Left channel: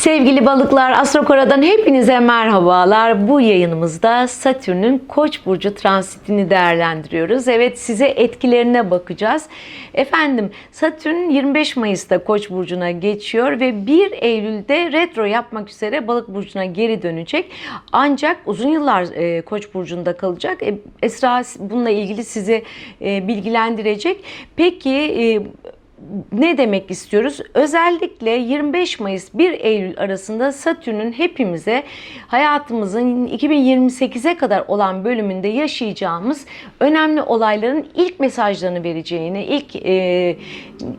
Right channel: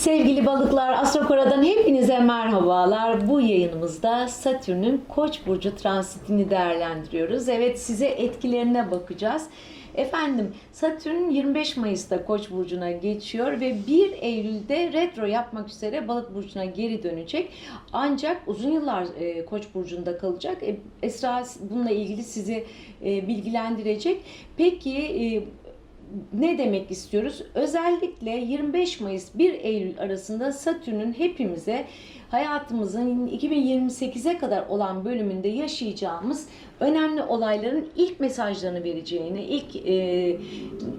Sevgili balıklar, Astrokora'dan hepinize merhabalar. Bu yayınımızda Satürn'ün Koç burcu transitini değerlendiriyoruz. Evet, size etkilerine bakacağız. Efendim, Satürn 25 Mayıs'ta Koç burcuna geçiyor ve 1 Eylül'de retro yapmak üzere Balık burcuna geri dönecek. Ancak uzun yıllar e, Koç burcunda kalacak. E, Esra bununla ilgili sizi e, bilgilendirecek. Peki e, ne demek istiyoruz? Özellikle 25 Mayıs 1 Eylül arasında Satürn'ün hepimize hayatımızın 2028'e kadar olan bölümünde yaşayacağımız önemli olayların ilk mesajlarını vereceğini, ilk e,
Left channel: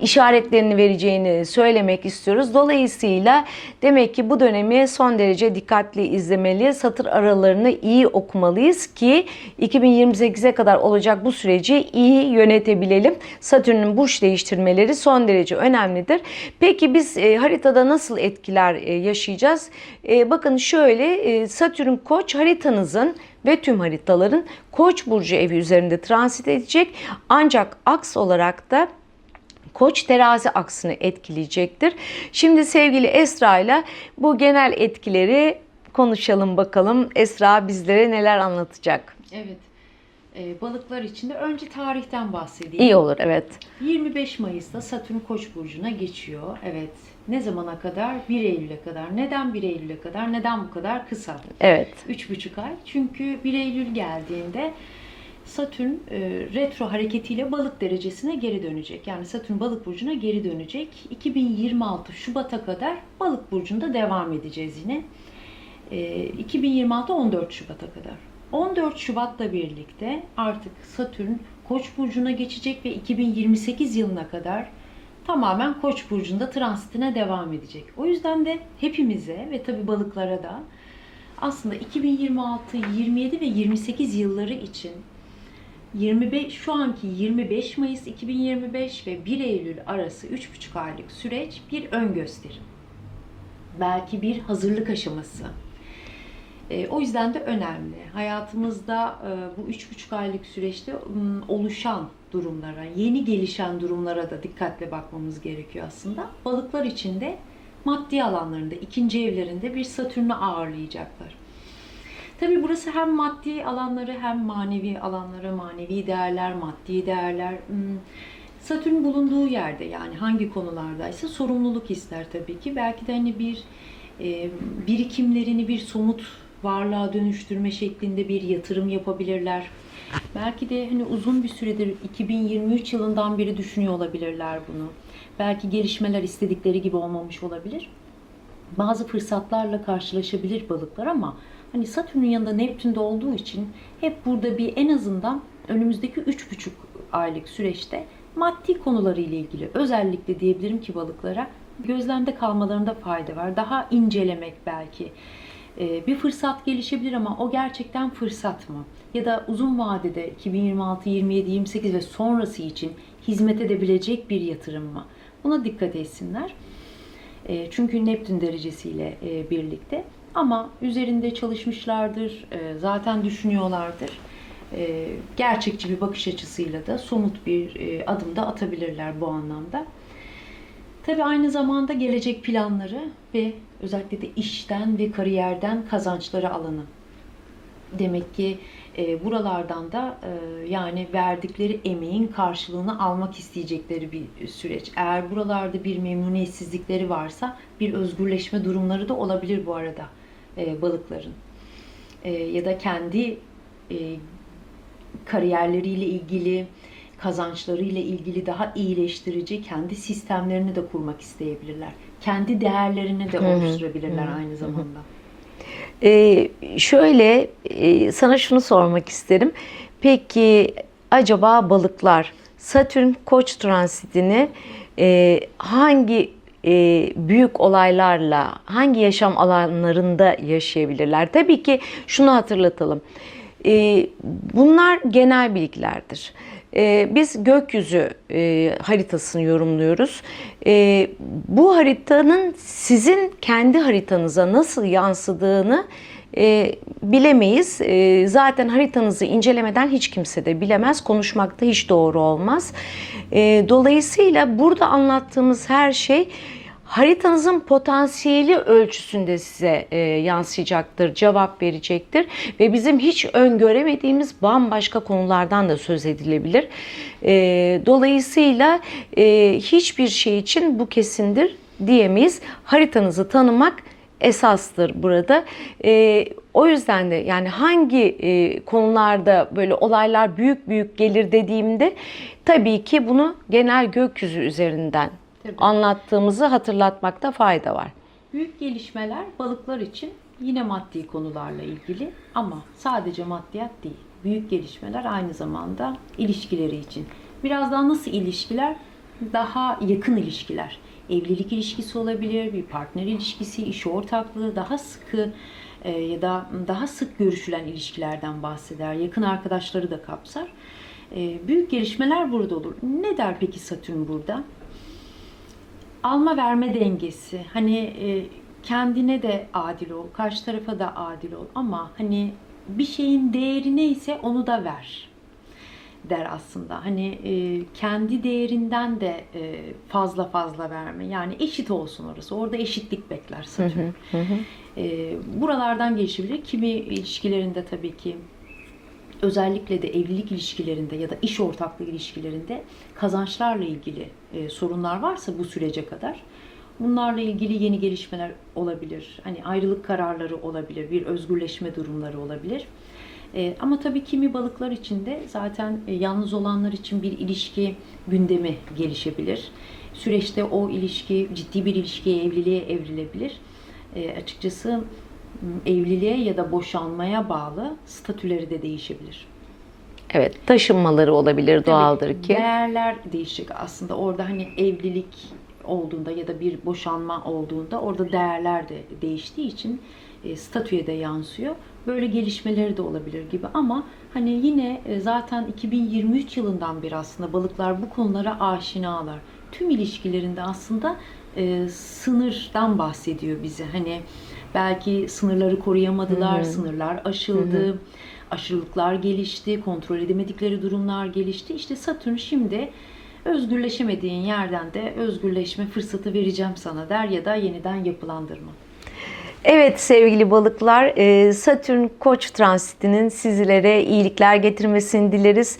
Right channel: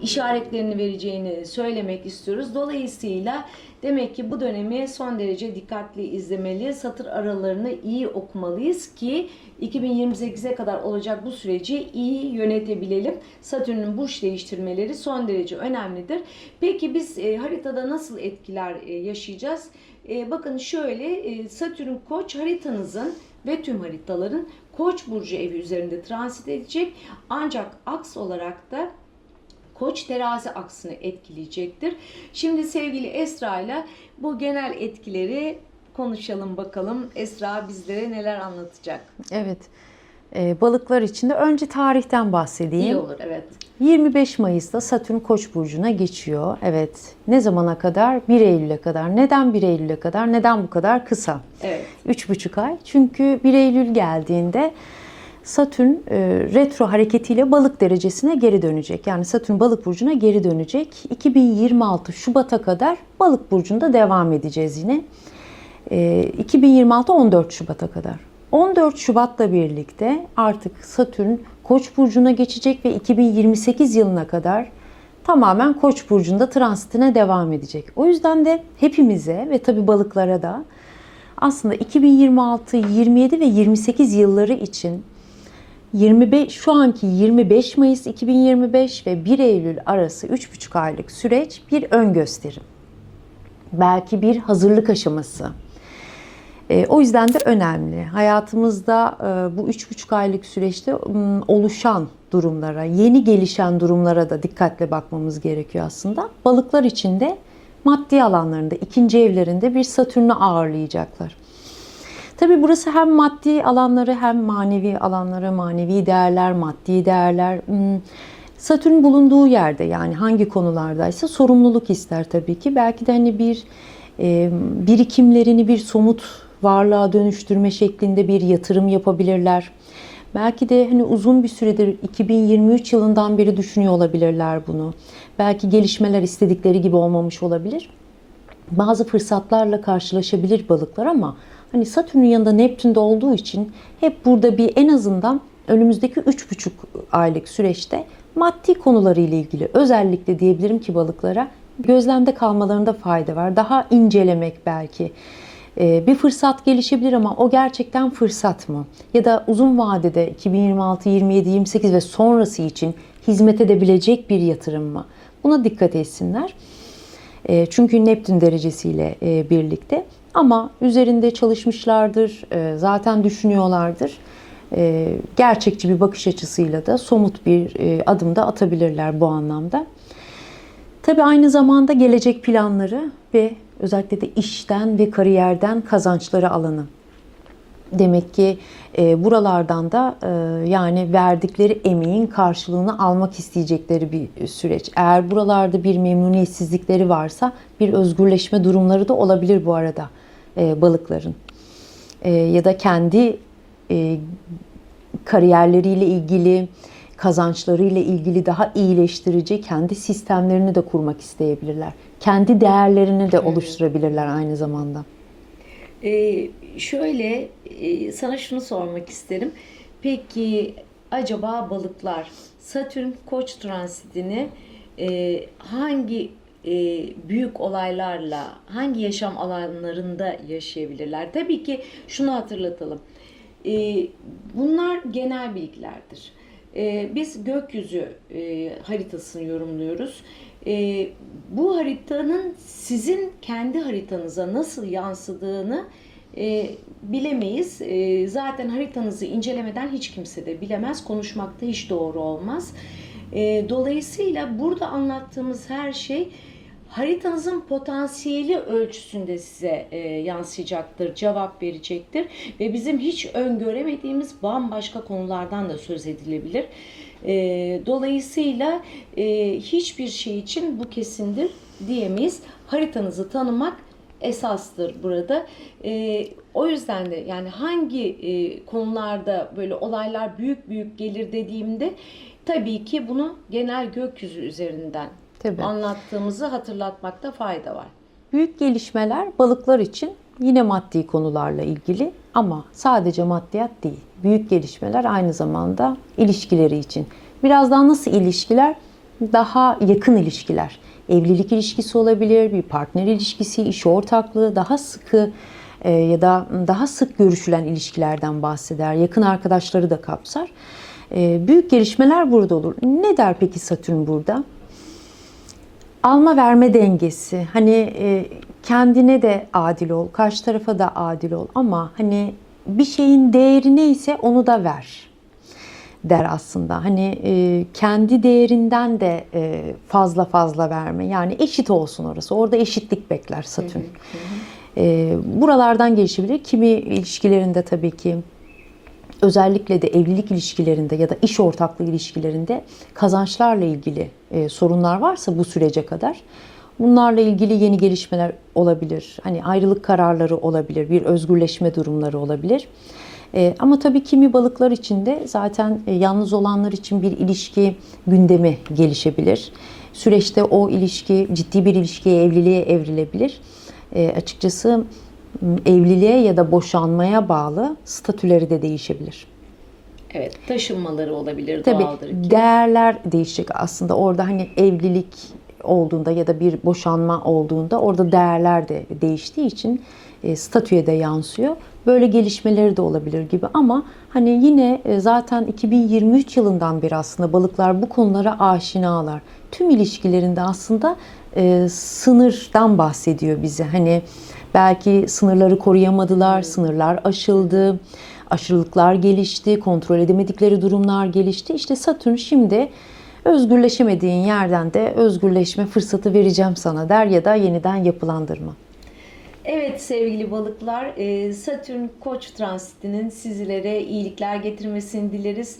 işaretlerini vereceğini söylemek istiyoruz. Dolayısıyla demek ki bu dönemi son derece dikkatli izlemeli, satır aralarını iyi okumalıyız ki 2028'e kadar olacak bu süreci iyi yönetebilelim. Satürn'ün burç değiştirmeleri son derece önemlidir. Peki biz e, haritada nasıl etkiler e, yaşayacağız? E, bakın şöyle e, Satürn Koç haritanızın ve tüm haritaların Koç burcu evi üzerinde transit edecek. Ancak aks olarak da Koç terazi aksını etkileyecektir. Şimdi sevgili Esra ile bu genel etkileri konuşalım bakalım. Esra bizlere neler anlatacak? Evet. Ee, balıklar için de önce tarihten bahsedeyim. İyi olur evet. 25 Mayıs'ta Satürn Koç burcuna geçiyor. Evet. Ne zamana kadar? 1 Eylül'e kadar. Neden 1 Eylül'e kadar? Neden bu kadar kısa? Evet. 3,5 ay. Çünkü 1 Eylül geldiğinde Satürn e, retro hareketiyle balık derecesine geri dönecek. Yani Satürn balık burcuna geri dönecek. 2026 Şubat'a kadar balık burcunda devam edeceğiz yine. E, 2026 14 Şubat'a kadar. 14 Şubat'la birlikte artık Satürn Koç burcuna geçecek ve 2028 yılına kadar tamamen Koç burcunda transitine devam edecek. O yüzden de hepimize ve tabi balıklara da aslında 2026, 27 ve 28 yılları için 25 şu anki 25 Mayıs 2025 ve 1 Eylül arası 3,5 aylık süreç bir ön gösterim. Belki bir hazırlık aşaması. E, o yüzden de önemli. Hayatımızda e, bu 3,5 aylık süreçte oluşan durumlara, yeni gelişen durumlara da dikkatle bakmamız gerekiyor aslında. Balıklar için de maddi alanlarında, ikinci evlerinde bir Satürn'ü ağırlayacaklar. Tabi burası hem maddi alanları hem manevi alanları, manevi değerler, maddi değerler. Satürn bulunduğu yerde yani hangi konulardaysa sorumluluk ister tabii ki. Belki de hani bir e, birikimlerini bir somut varlığa dönüştürme şeklinde bir yatırım yapabilirler. Belki de hani uzun bir süredir 2023 yılından beri düşünüyor olabilirler bunu. Belki gelişmeler istedikleri gibi olmamış olabilir. Bazı fırsatlarla karşılaşabilir balıklar ama hani Satürn'ün yanında Neptün'de olduğu için hep burada bir en azından önümüzdeki 3,5 aylık süreçte maddi konularıyla ilgili özellikle diyebilirim ki balıklara gözlemde kalmalarında fayda var. Daha incelemek belki. Ee, bir fırsat gelişebilir ama o gerçekten fırsat mı? Ya da uzun vadede 2026, 27, 28 ve sonrası için hizmet edebilecek bir yatırım mı? Buna dikkat etsinler. E, Çünkü Neptün derecesiyle e, birlikte ama üzerinde çalışmışlardır, e, zaten düşünüyorlardır. E, Gerçekçi bir bakış açısıyla da somut bir adım da atabilirler bu anlamda. Tabii aynı zamanda gelecek planları ve özellikle de işten ve kariyerden kazançları alanı. Demek ki e, buralardan da e, yani verdikleri emeğin karşılığını almak isteyecekleri bir süreç. Eğer buralarda bir memnuniyetsizlikleri varsa bir özgürleşme durumları da olabilir bu arada e, balıkların. E, ya da kendi e, kariyerleriyle ilgili, kazançlarıyla ilgili daha iyileştirici kendi sistemlerini de kurmak isteyebilirler. Kendi değerlerini de oluşturabilirler aynı zamanda. Ee, şöyle e, sana şunu sormak isterim. Peki acaba balıklar Satürn Koç transitini e, hangi e, büyük olaylarla, hangi yaşam alanlarında yaşayabilirler? Tabii ki şunu hatırlatalım. E, bunlar genel bilgilerdir. E, biz gökyüzü e, haritasını yorumluyoruz. E, bu haritanın sizin kendi haritanıza nasıl yansıdığını e, bilemeyiz. E, zaten haritanızı incelemeden hiç kimse de bilemez. Konuşmak da hiç doğru olmaz. E, dolayısıyla burada anlattığımız her şey haritanızın potansiyeli ölçüsünde size e, yansıyacaktır, cevap verecektir ve bizim hiç öngöremediğimiz bambaşka konulardan da söz edilebilir. E, dolayısıyla e, hiçbir şey için bu kesindir diyemeyiz. Haritanızı tanımak esastır burada. E, o yüzden de yani hangi e, konularda böyle olaylar büyük büyük gelir dediğimde tabii ki bunu genel gökyüzü üzerinden Tabii. anlattığımızı hatırlatmakta fayda var. Büyük gelişmeler balıklar için yine maddi konularla ilgili ama sadece maddiyat değil. Büyük gelişmeler aynı zamanda ilişkileri için. Biraz daha nasıl ilişkiler? Daha yakın ilişkiler. Evlilik ilişkisi olabilir, bir partner ilişkisi, iş ortaklığı, daha sıkı e, ya da daha sık görüşülen ilişkilerden bahseder. Yakın arkadaşları da kapsar. E, büyük gelişmeler burada olur. Ne der peki Satürn burada? Alma verme dengesi. Hani e, kendine de adil ol, karşı tarafa da adil ol ama hani bir şeyin değeri neyse onu da ver der aslında. Hani e, kendi değerinden de e, fazla fazla verme. Yani eşit olsun orası. Orada eşitlik bekler Satürn. E, buralardan gelişebilir. Kimi ilişkilerinde tabii ki özellikle de evlilik ilişkilerinde ya da iş ortaklığı ilişkilerinde kazançlarla ilgili e, sorunlar varsa bu sürece kadar bunlarla ilgili yeni gelişmeler olabilir. Hani ayrılık kararları olabilir, bir özgürleşme durumları olabilir. E, ama tabii kimi balıklar için de zaten e, yalnız olanlar için bir ilişki gündemi gelişebilir. Süreçte o ilişki ciddi bir ilişkiye, evliliğe evrilebilir. E, açıkçası evliliğe ya da boşanmaya bağlı statüleri de değişebilir. Evet, taşınmaları olabilir, Tabii doğaldır ki. değerler değişecek aslında. Orada hani evlilik olduğunda ya da bir boşanma olduğunda orada değerler de değiştiği için e, statüye de yansıyor. Böyle gelişmeleri de olabilir gibi ama hani yine e, zaten 2023 yılından beri aslında balıklar bu konulara aşinalar. Tüm ilişkilerinde aslında e, sınırdan bahsediyor bize. Hani belki sınırları koruyamadılar, sınırlar aşıldı. Aşırılıklar gelişti, kontrol edemedikleri durumlar gelişti. İşte Satürn şimdi özgürleşemediğin yerden de özgürleşme fırsatı vereceğim sana der ya da yeniden yapılandırma. Evet sevgili balıklar, e, Satürn Koç transitinin sizlere iyilikler getirmesini dileriz.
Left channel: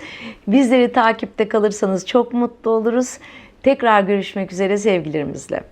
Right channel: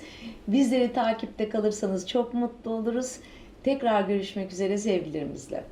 Bizleri takipte kalırsanız çok mutlu oluruz. Tekrar görüşmek üzere sevgilerimizle.